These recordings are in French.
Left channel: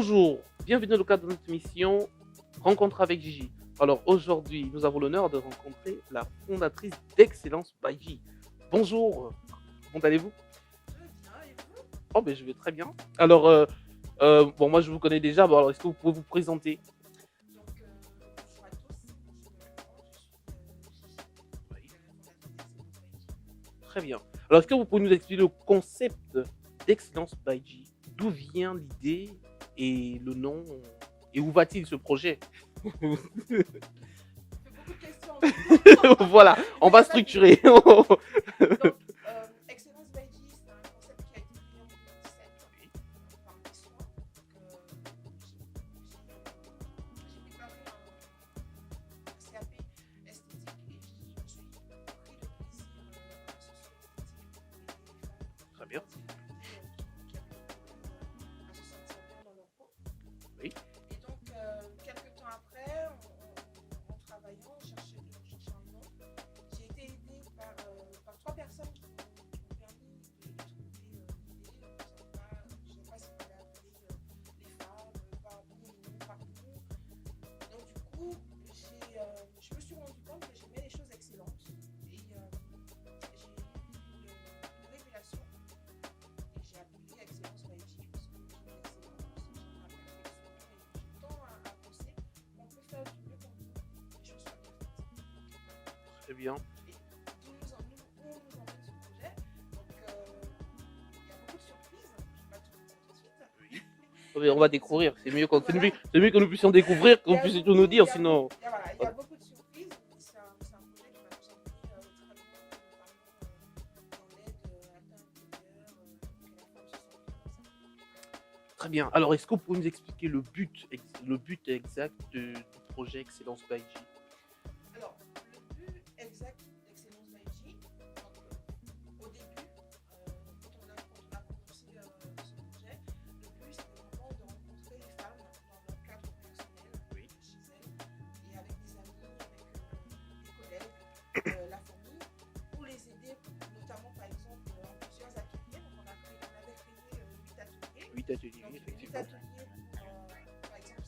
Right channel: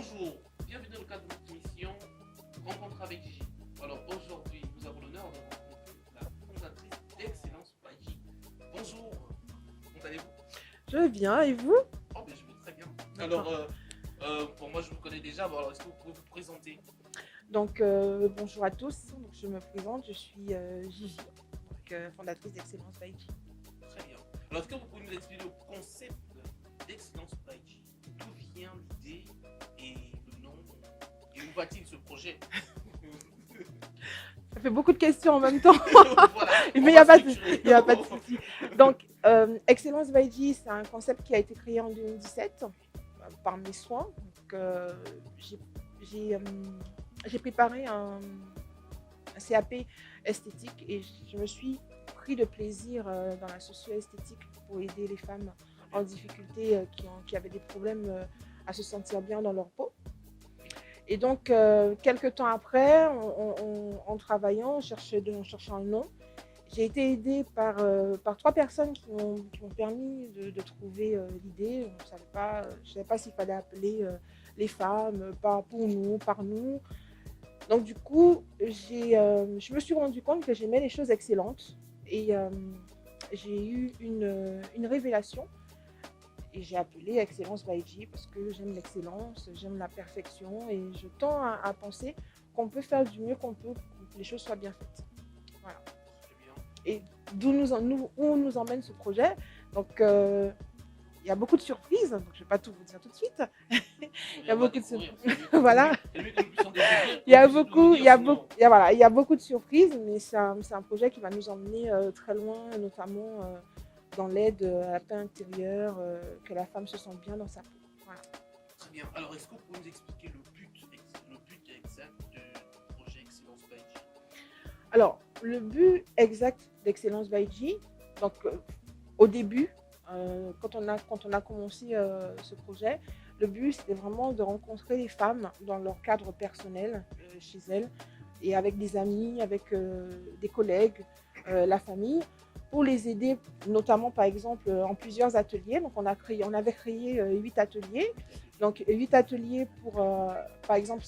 Bonjour, bienvenue dans le cadre de notre émission Rencontre avec Gigi. Alors aujourd'hui, nous avons l'honneur de rencontrer la fondatrice d'Excellence by G. Bonjour, comment allez-vous? Je vais bien, et vous? Oh ben je vais très bien. Alors, bon moi je vous connais déjà, bon alors est-ce que vous pouvez vous présenter? Donc, bonjour à tous. Donc, je me présente, je suis Gigi, Oui, fondatrice d'Excellence by G. très bien. Alors est-ce que vous pouvez nous expliquer le concept d'Excellence by G? D'où vient l'idée et le nom et où va-t-il ce projet? Ça fait beaucoup de questions en même temps, Voilà, mais on il n'y va a pas de souci. structurer. Y a pas de souci. Donc, Excellence by G, c'est un concept qui a été créé en 2017 par mes soins. Donc, j'ai j'ai, euh, j'ai préparé un CAP esthétique et je me suis pris de plaisir dans la socio-esthétique pour aider les femmes Très en bien, difficulté qui avaient des problèmes à se sentir bien dans leur peau. oui, Et donc, quelques temps après, en travaillant, en cherchant un nom, j'ai été aidée par trois personnes qui m'ont permis de trouver l'idée. Je ne savais pas s'il fallait appeler les femmes par pour nous, par nous. Donc, du coup, je me suis rendu compte que j'aimais les choses excellentes et j'ai eu une révélation. Et j'ai appelé Excellence by G parce que j'aime l'excellence, j'aime la perfection et je tends à penser qu'on peut faire du mieux qu'on peut pour que les choses soient bien faites. Voilà. très bien. Et où nous emmène ce projet. Donc, il y a beaucoup de surprises, donc je ne vais pas tout vous dire tout de suite. Oh, Il y mais a on va beaucoup de découvrir. surprises. C'est mieux Voilà. c'est mieux que nous puissions découvrir, que Il y vous a puissiez tout nous beaucoup, il dire, y a beaucoup, sinon. voilà, il y a beaucoup de surprises, mais c'est un projet qui va nous emmener très loin, notamment dans l'aide à la paix intérieure, que la femme se sente bien dans sa peau. Voilà. Très bien. Alors, est-ce que vous pouvez nous expliquer le but exact du projet Excellence by G? Alors, le but exact d'Excellence by G, donc au début, quand on a commencé ce projet, le but c'était vraiment de rencontrer les femmes dans leur cadre personnel chez elles et avec des amis, avec des collègues, la famille, pour les aider, notamment par exemple en plusieurs ateliers. Donc on avait créé 8 ateliers. 8 ateliers. Donc 8 ateliers pour, par exemple,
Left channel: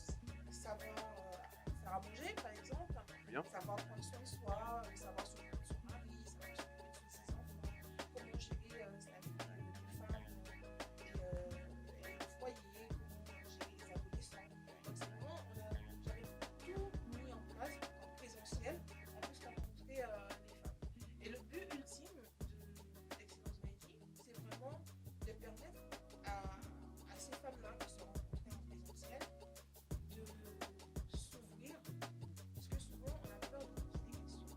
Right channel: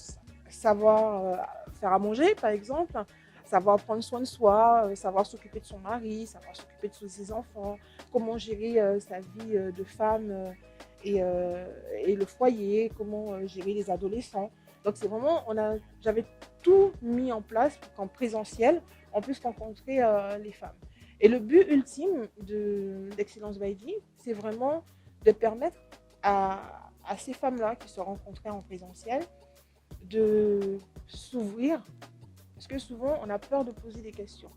savoir faire à manger, par exemple, Bien. savoir prendre soin de soi, savoir s'occuper de son mari, savoir s'occuper de ses enfants, comment gérer sa vie de femme et le foyer, comment gérer les adolescents. Donc c'est vraiment, j'avais tout mis en place pour qu'en présentiel, on puisse rencontrer les femmes. Et le but ultime d'Excellence by G, c'est vraiment de permettre à ces femmes-là qui se rencontraient en présentiel de s'ouvrir, parce que souvent on a peur de poser des questions.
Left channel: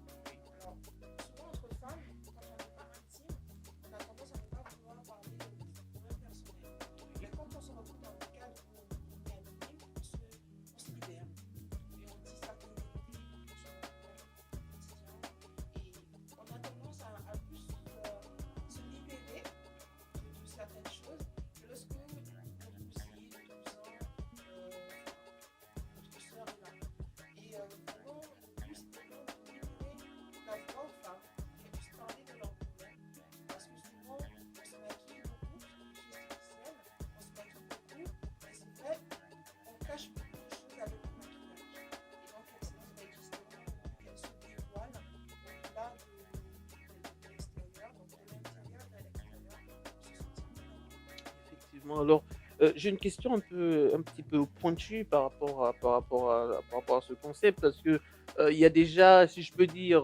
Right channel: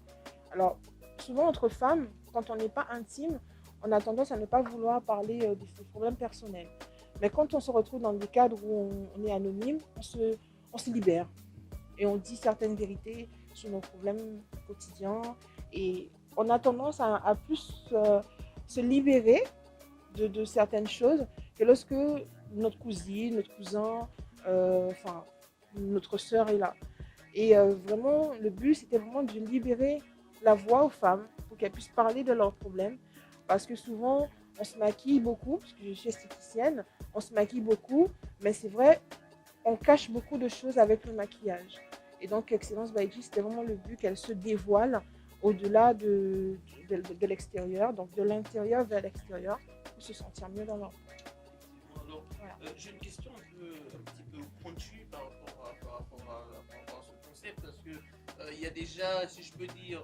Alors, souvent entre femmes, quand on n'est pas intime, on a tendance à ne pas vouloir parler de ses problèmes personnels. Mais quand on se retrouve dans des cadres où on est anonyme, on se libère et on dit certaines vérités sur nos problèmes quotidiens. Et on a tendance à plus se libérer de certaines choses que lorsque notre cousine, notre cousin, enfin, notre sœur est là. Et vraiment, le but, c'était vraiment de libérer la voix aux femmes pour qu'elles puissent parler de leurs problèmes. Parce que souvent, on se maquille beaucoup, parce que je suis esthéticienne, on se maquille beaucoup, mais c'est vrai, on cache beaucoup de choses avec le maquillage. Et donc, Excellence by G, c'était vraiment le but qu'elle se dévoile au-delà de l'extérieur, donc de l'intérieur vers l'extérieur, pour se sentir mieux dans leur vie. Effectivement. Alors, Voilà. j'ai une question un petit peu pointue par rapport à ce concept, parce que il y a déjà, si je peux dire,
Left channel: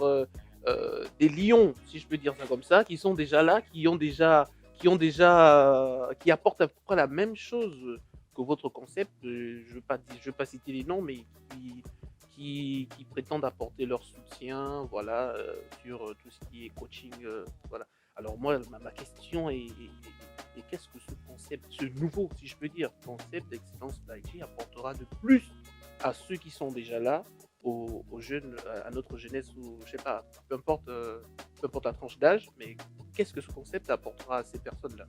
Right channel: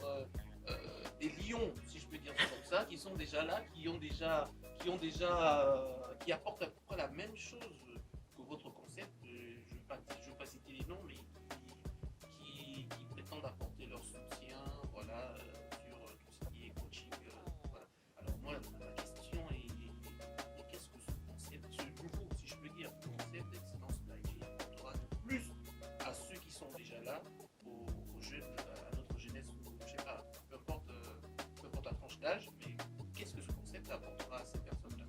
des lions, si je peux dire ça comme ça, qui sont déjà là, qui apportent à peu près la même chose que votre concept. Je veux pas citer les noms, mais qui, qui prétendent apporter leur soutien, voilà, sur tout ce qui est coaching, voilà. Alors moi, ma question est qu'est-ce que ce concept, ce nouveau, si je peux dire, concept d'excellence d'IT apportera de plus à ceux qui sont déjà là, aux jeunes, à notre jeunesse, ou je sais pas, peu importe la tranche d'âge, mais qu'est-ce que ce concept apportera à ces personnes-là?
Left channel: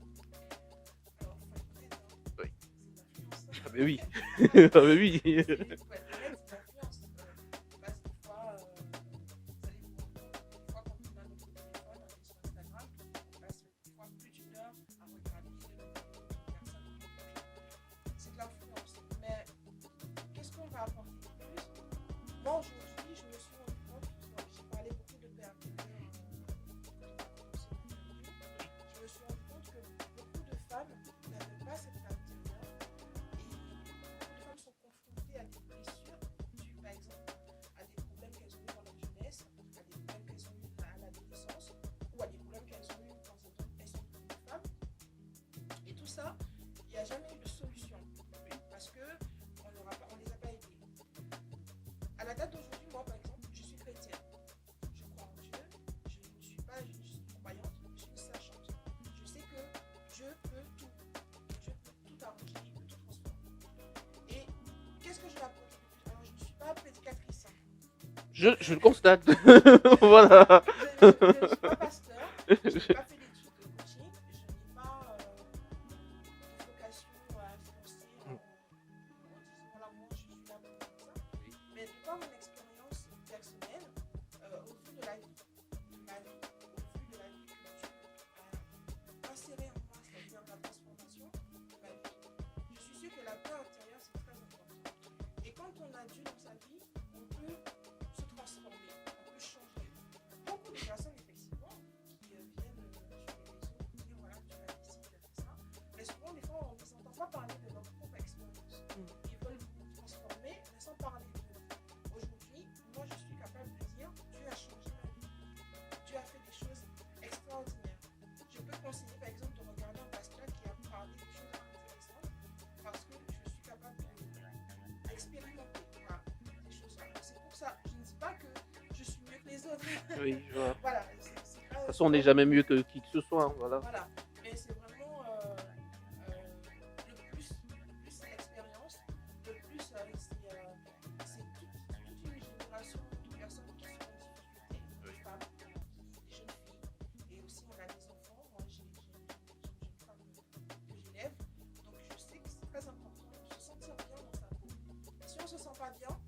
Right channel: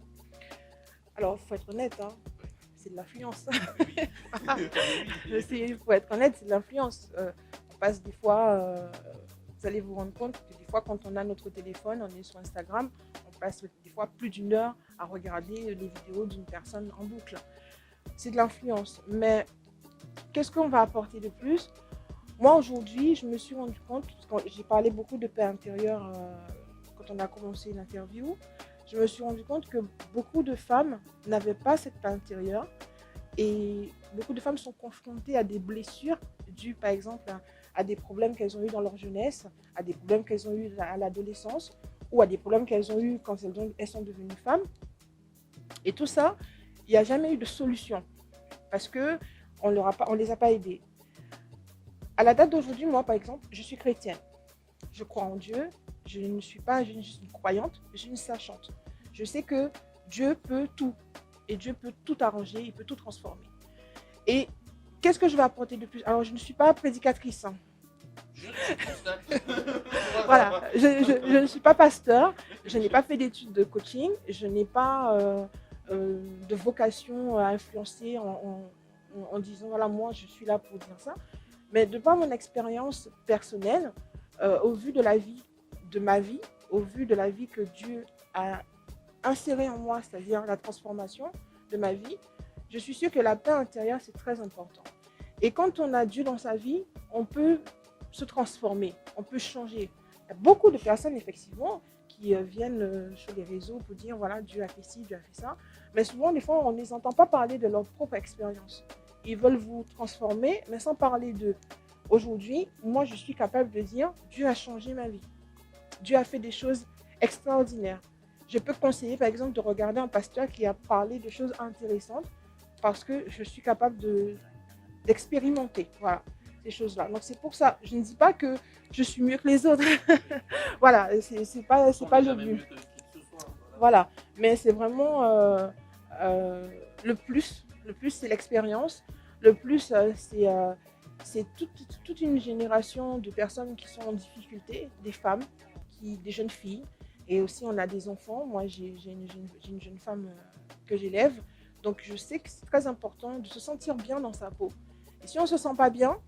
Alors, il faut être honnête, hein, Oui. c'est de l'influence. Mais oui, ah, mais oui. Il faut être honnête, c'est de l'influence. On passe des fois, vous allez vous rendre compte que des fois, quand on a notre téléphone, on est sur Instagram, on passe des fois plus d'1 heure à regarder les vidéos d'une personne en boucle. c'est de l'influence. Mais qu'est-ce qu'on va apporter de plus? Moi, aujourd'hui, je me suis rendu compte, quand j'ai parlé beaucoup de paix intérieure quand on a commencé l'interview, je me suis rendu compte que beaucoup de femmes n'avaient pas cette paix intérieure et beaucoup de femmes sont confrontées à des blessures dues, par exemple, à des problèmes qu'elles ont eu dans leur jeunesse, à des problèmes qu'elles ont eu à l'adolescence ou à des problèmes qu'elles ont eu quand elles sont devenues femmes. Et tout ça, il n'y a jamais eu de solution parce qu'on ne les a pas aidées. À la date d'aujourd'hui, moi, par exemple, je suis chrétienne. Je crois en Dieu. Je ne suis pas une croyante, je suis une sachante. Je sais que Dieu peut tout. Et Dieu peut tout arranger, il peut tout transformer. Et qu'est-ce que je vais apporter de plus? Alors, je ne suis pas prédicatrice. Hein. Je le constate. Voilà. Je ne suis pas pasteur. Je n'ai pas fait d'études de coaching. Je n'ai pas de vocation à influencer en disant, voilà, moi, je suis là pour dire ça. Mais de par mon expérience personnelle, au vu de ma vie, au vu de la vie que Dieu a insérée en moi, c'est-à-dire la transformation de ma vie, je suis sûre que la paix intérieure, c'est très important. Et quand on a Dieu dans sa vie, on peut se transformer, on peut changer. Il y a beaucoup de personnes, effectivement, qui viennent sur les réseaux pour dire, voilà, Dieu a fait ci, Dieu a fait ça. Mais souvent, des fois, on ne les entend pas parler de leur propre expérience. Ils veulent vous transformer, mais sans parler d'eux. Aujourd'hui, moi, je suis capable de dire, Dieu a changé ma vie. Dieu a fait des choses extraordinaires. Je peux conseiller, par exemple, de regarder un pasteur qui a parlé de choses intéressantes parce que je suis capable d'expérimenter, voilà, ces choses-là. Donc, c'est pour ça, je ne dis pas que je suis mieux que les autres. Oui, voilà, c'est pas... on n'est jamais mieux que qui que ce soit. Hein, voilà. Voilà, mais c'est vraiment le plus. Le plus, c'est l'expérience. Le plus, c'est toute une génération de personnes qui sont en difficulté, des femmes, des jeunes filles. Et aussi, on a des enfants. Moi, j'ai une jeune femme que j'élève. Donc, je sais que c'est très important de se sentir bien dans sa peau. Et si on ne se sent pas bien,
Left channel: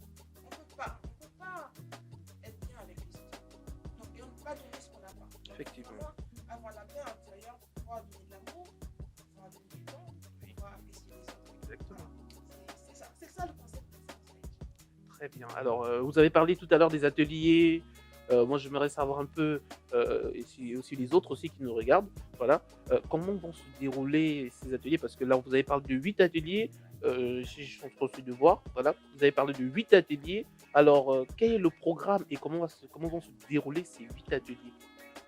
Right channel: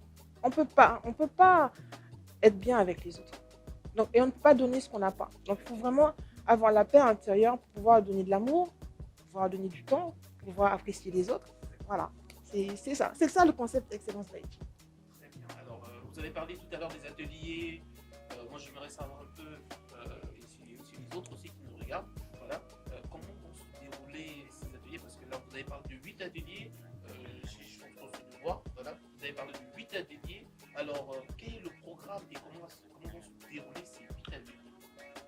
on peut pas être bien avec les autres. Donc, et on ne peut pas donner ce qu'on n'a pas. Donc, il faut vraiment avoir la paix intérieure pour pouvoir donner de l'amour, pouvoir donner du temps, pouvoir apprécier les autres. Voilà, c'est ça. C'est ça le concept Excellence Life. Très bien. Alors, vous avez parlé tout à l'heure des ateliers. Moi, j'aimerais savoir un peu, et aussi les autres aussi qui nous regardent, voilà, comment vont se dérouler ces ateliers, parce que là, vous avez parlé de 8 ateliers, je suis en train de voir, voilà, vous avez parlé de 8 ateliers, alors quel est le programme et comment vont se dérouler ces 8 ateliers?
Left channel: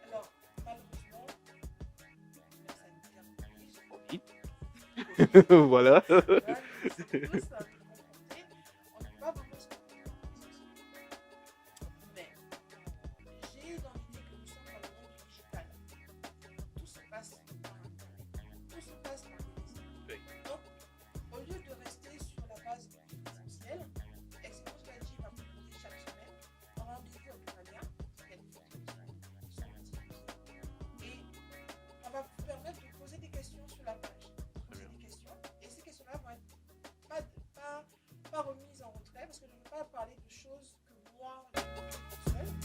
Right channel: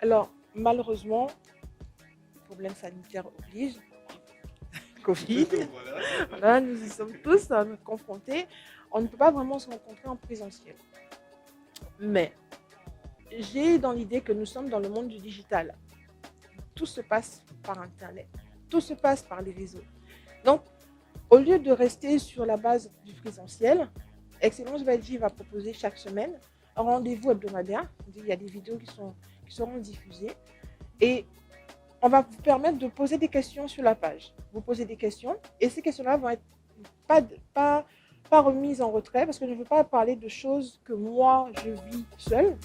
Alors, malheureusement, problème sanitaire oblige, Covid. Voilà. Là, nous y sommes tous confrontés, on ne peut pas vraiment se rencontrer en présentiel. Mais j'ai dans l'idée que nous sommes dans le monde du digital. Tout se passe par Internet. Tout se passe par les réseaux. Donc, au lieu de rester sur la base du présentiel, Excellence Veggie va proposer chaque semaine un rendez-vous hebdomadaire. Il y a des vidéos qui seront diffusées. Et on va vous permettre de poser des questions sur la page. Vous posez des questions et ces questions-là vont être pas remises en retrait parce que je ne veux pas parler de choses que moi, je vis seule.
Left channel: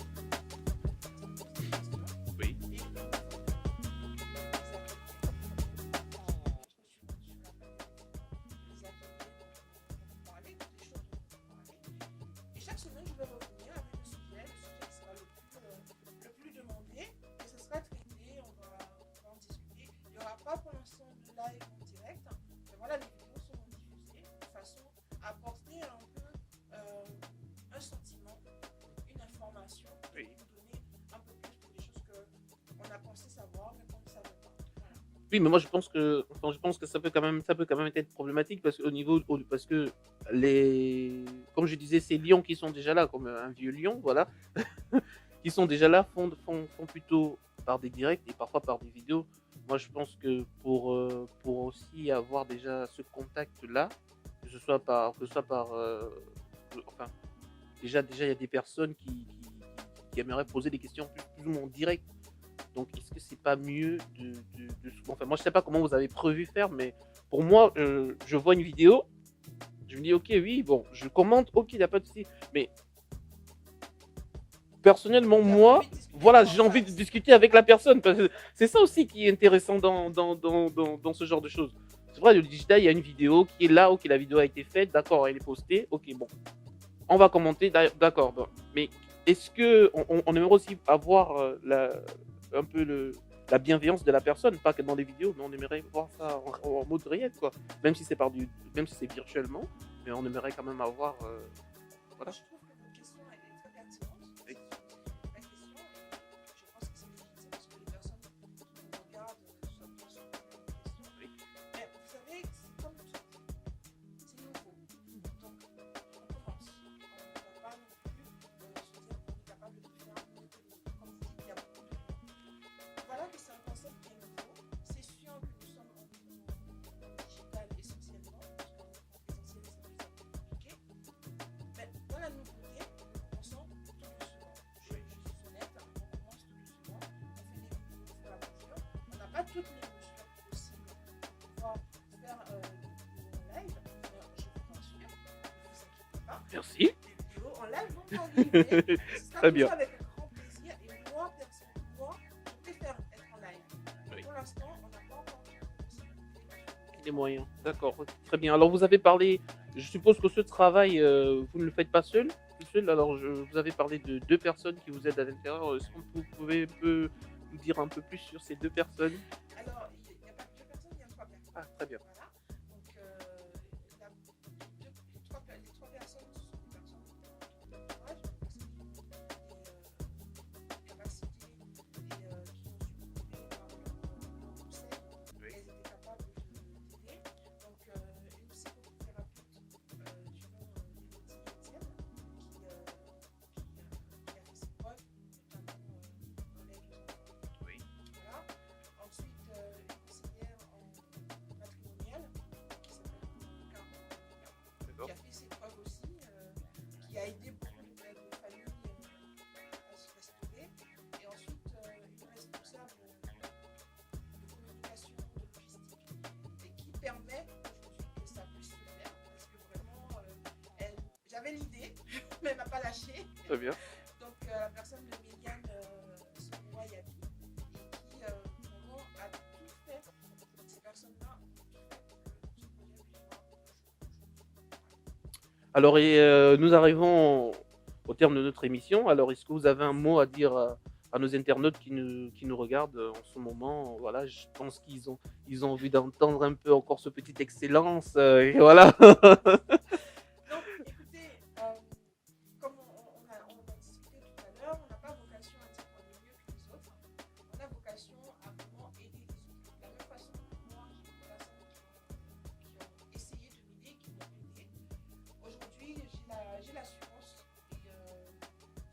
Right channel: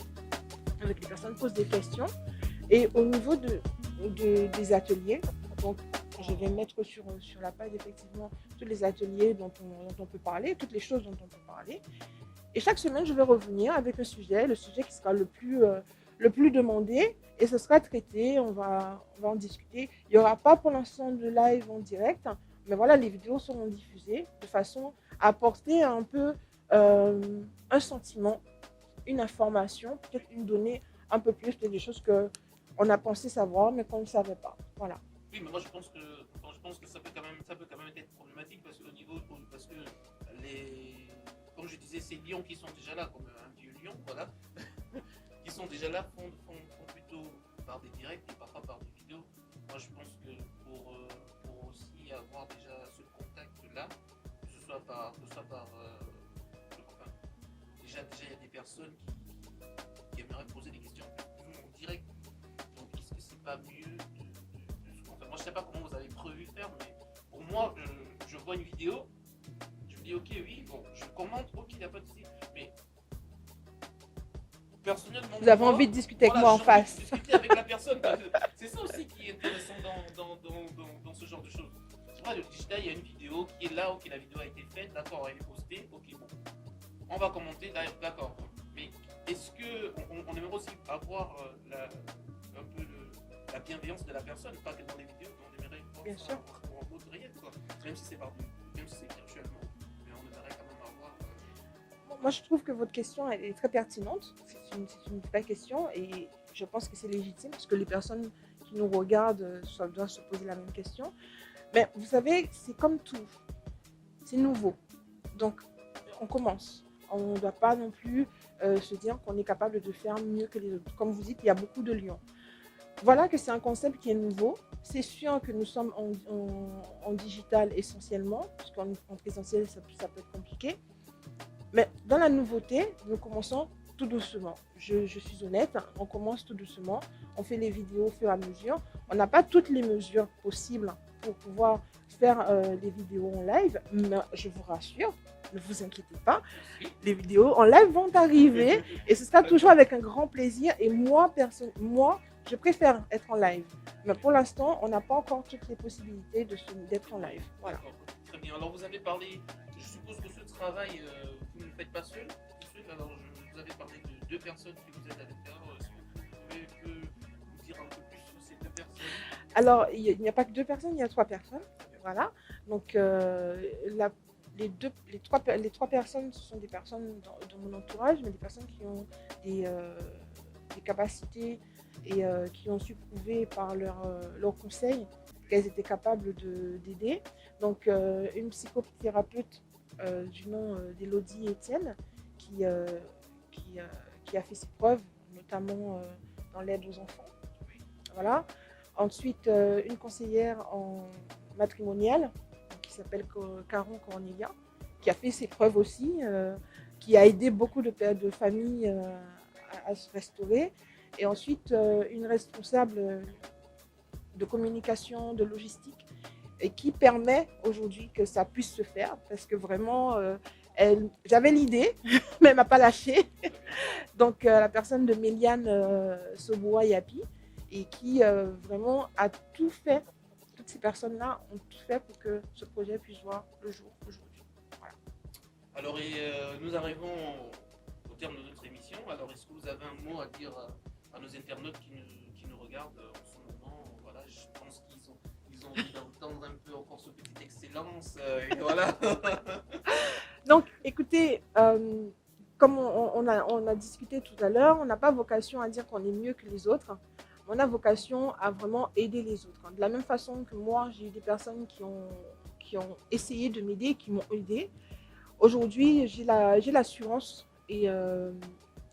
Les personnes posent des questions. Et au niveau des ateliers, donc je vais mettre sur la page effectivement tous les ateliers dont on peut parler, toutes les choses dont on peut parler. Et chaque semaine, je vais revenir avec le sujet qui sera le plus demandé et ce sera traité, on va en discuter. Il n'y aura pas pour l'instant de live en direct, mais voilà, les vidéos seront diffusées de façon à apporter un peu un sentiment, une information, peut-être une donnée un peu plus, peut-être des choses qu'on a pensé savoir mais qu'on ne savait pas. Voilà. Oui, mais moi je pense que ça peut quand même être problématique parce que comme je disais, ces lions qui sont déjà là, comme un vieux lion, voilà, qui sont déjà là, font plutôt par des directs et parfois par des vidéos. Moi je pense que pour aussi avoir déjà ce contact-là, que ce soit par enfin, déjà il y a des personnes qui aimeraient poser des questions plus ou moins directes. Donc, est-ce que c'est pas mieux enfin, moi, je sais pas comment vous avez prévu faire, mais pour moi, je vois une vidéo, je me dis, ok, oui, bon, je commente, ok, il n'y a pas de souci, mais personnellement, j'ai envie de discuter de discuter avec la personne. Parce que c'est ça aussi qui est intéressant dans ce genre de choses. c'est vrai, le digital, il y a une vidéo qui est là, OK, la vidéo a été faite, d'accord, elle est postée, OK, bon, on va commenter, d'accord, bon. Mais est-ce qu'on aimerait aussi avoir, un peu la bienveillance de la personne, pas que dans les vidéos, mais on aimerait voir Bien ça sûr. en mode réel, quoi. Même si c'est même si c'est virtuellement, mais on aimerait quand même avoir, Moi, voilà. je trouve que votre question, elle est très pertinente. Oui, C'est une vraie question et je pense que c'est légitime parce que les personnes qui nous regardent doivent se poser la même question. oui, Mais vous savez, c'est comme tout. C'est nouveau. Donc, on commence. On ne doit pas non plus se dire qu'on est capable de faire mieux que les autres. Comme vous dites, il y a beaucoup de lions. Voilà que c'est un concept qui est nouveau. C'est sûr que nous sommes en digital essentiellement, parce qu'en présentiel, ça peut être compliqué. Mais dans la nouveauté, nous commençons tout doucement. Je suis honnête, on commence tout doucement. On fait les vidéos au fur et à mesure. On n'a pas toutes les mesures possibles pour pouvoir faire des vidéos en live, mais je vous rassure, ne vous inquiétez pas, merci. les vidéos en live vont arriver et ce sera Très toujours bien, avec un grand plaisir. Et moi, je préfère être en live. Mais oui, pour l'instant, on n'a pas encore toutes les possibilités d'être les en live. moyens. Voilà. D'accord, OK, très bien. Alors vous avez parlé, je suppose que ce travail, vous ne le faites pas seul, tout seul? Alors vous avez parlé de 2 personnes qui vous aident à l'intérieur. Est-ce que vous pouvez un peu nous dire un peu plus sur ces 2 personnes? Alors, il n'y a pas que 2 personnes, il y a 3 personnes. Ah, très bien. Voilà. Donc, les 3 personnes, ce sont des personnes dans mon entourage, mais des personnes qui ont des capacités et qui ont su prouver par leurs conseils qu'elles étaient capables d'aider. Donc, une psychothérapeute du nom d'Élodie Etienne qui, euh, qui, euh, qui a fait ses preuves, notamment dans l'aide aux enfants. Oui, Voilà. Ensuite, une conseillère en matrimonial qui s'appelle Caron Cornelia, qui a d'accord. fait ses preuves aussi, qui a aidé beaucoup de familles à se restaurer. Et ensuite, une responsable de communication, de logistique, et qui permet aujourd'hui que ça puisse se faire, parce que vraiment, j'avais l'idée, mais elle m'a pas lâché. Très bien. Donc, la personne de Méliane Soboa Yapi, et qui vraiment a tout fait, toutes ces personnes-là ont tout fait pour que ce projet puisse voir le jour aujourd'hui. Voilà. Alors nous arrivons au terme de notre émission. Alors est-ce que vous avez un mot à dire à nos internautes qui nous regardent en ce moment? Voilà, je pense qu'ils ont envie d'entendre un peu encore ce petite excellence, et voilà. Donc, écoutez, comme on a discuté tout à l'heure, on n'a pas vocation à dire qu'on est mieux que les autres. On a vocation à vraiment aider les autres. De la même façon que moi, j'ai eu des personnes qui ont essayé de m'aider, qui m'ont aidé. Aujourd'hui, j'ai l'assurance et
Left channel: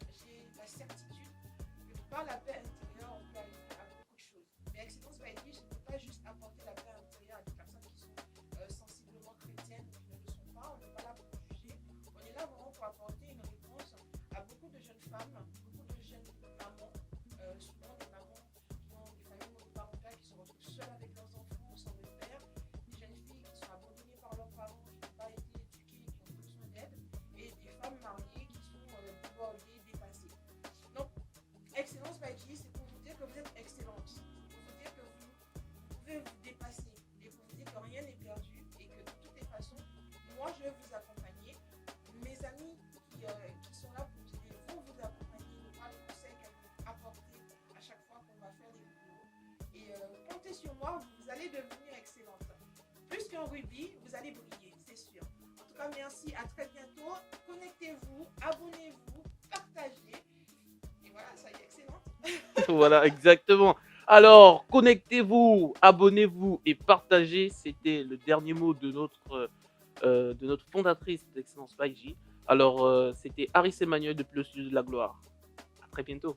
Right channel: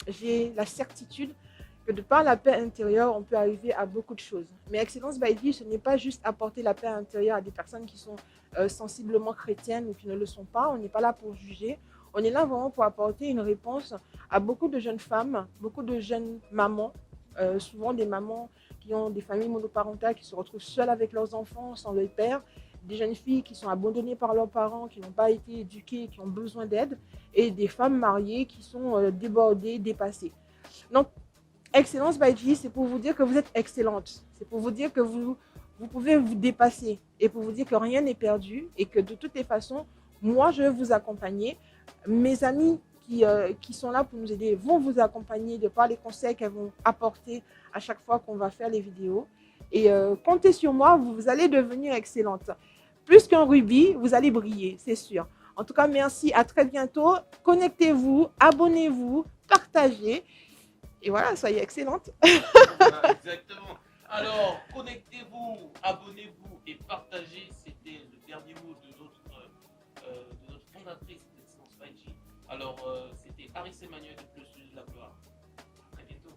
j'ai la certitude que de par la paix intérieure, on peut arriver à beaucoup de choses. Mais Excellence by Vie, ce n'est pas juste apporter la paix intérieure à des personnes qui sont sensiblement chrétiennes ou qui ne le sont pas. On n'est pas là pour juger. On est là vraiment pour apporter une réponse à beaucoup de jeunes femmes, beaucoup de jeunes mamans, souvent des mamans qui ont des familles monoparentales, qui se retrouvent seules avec leurs enfants, sans leur père, des jeunes filles qui sont abandonnées par leurs parents, qui n'ont pas été éduquées, qui ont besoin d'aide, et des femmes mariées qui sont débordées, dépassées. Donc, Excellence by G, c'est pour vous dire que vous êtes excellente. C'est pour vous dire que vous pouvez vous dépasser et pour vous dire que rien n'est perdu et que de toutes les façons, moi, je vais vous accompagner. Mes amis qui sont là pour nous aider vont vous accompagner de par les conseils qu'elles vont apporter à chaque fois qu'on va faire les vidéos. Et comptez sur moi, vous allez devenir excellente. Plus qu'un rubis, vous allez briller, c'est sûr. En tout cas, merci, à très bientôt. Connectez-vous, abonnez-vous, partagez. Et voilà, soyez excellente. Voilà, exactement. Alors, connectez-vous, abonnez-vous et partagez. C'était le dernier mot de notre fondatrice d'Excellence by J. Alors, c'était Aris Emmanuel de Plus de la Gloire. À très bientôt.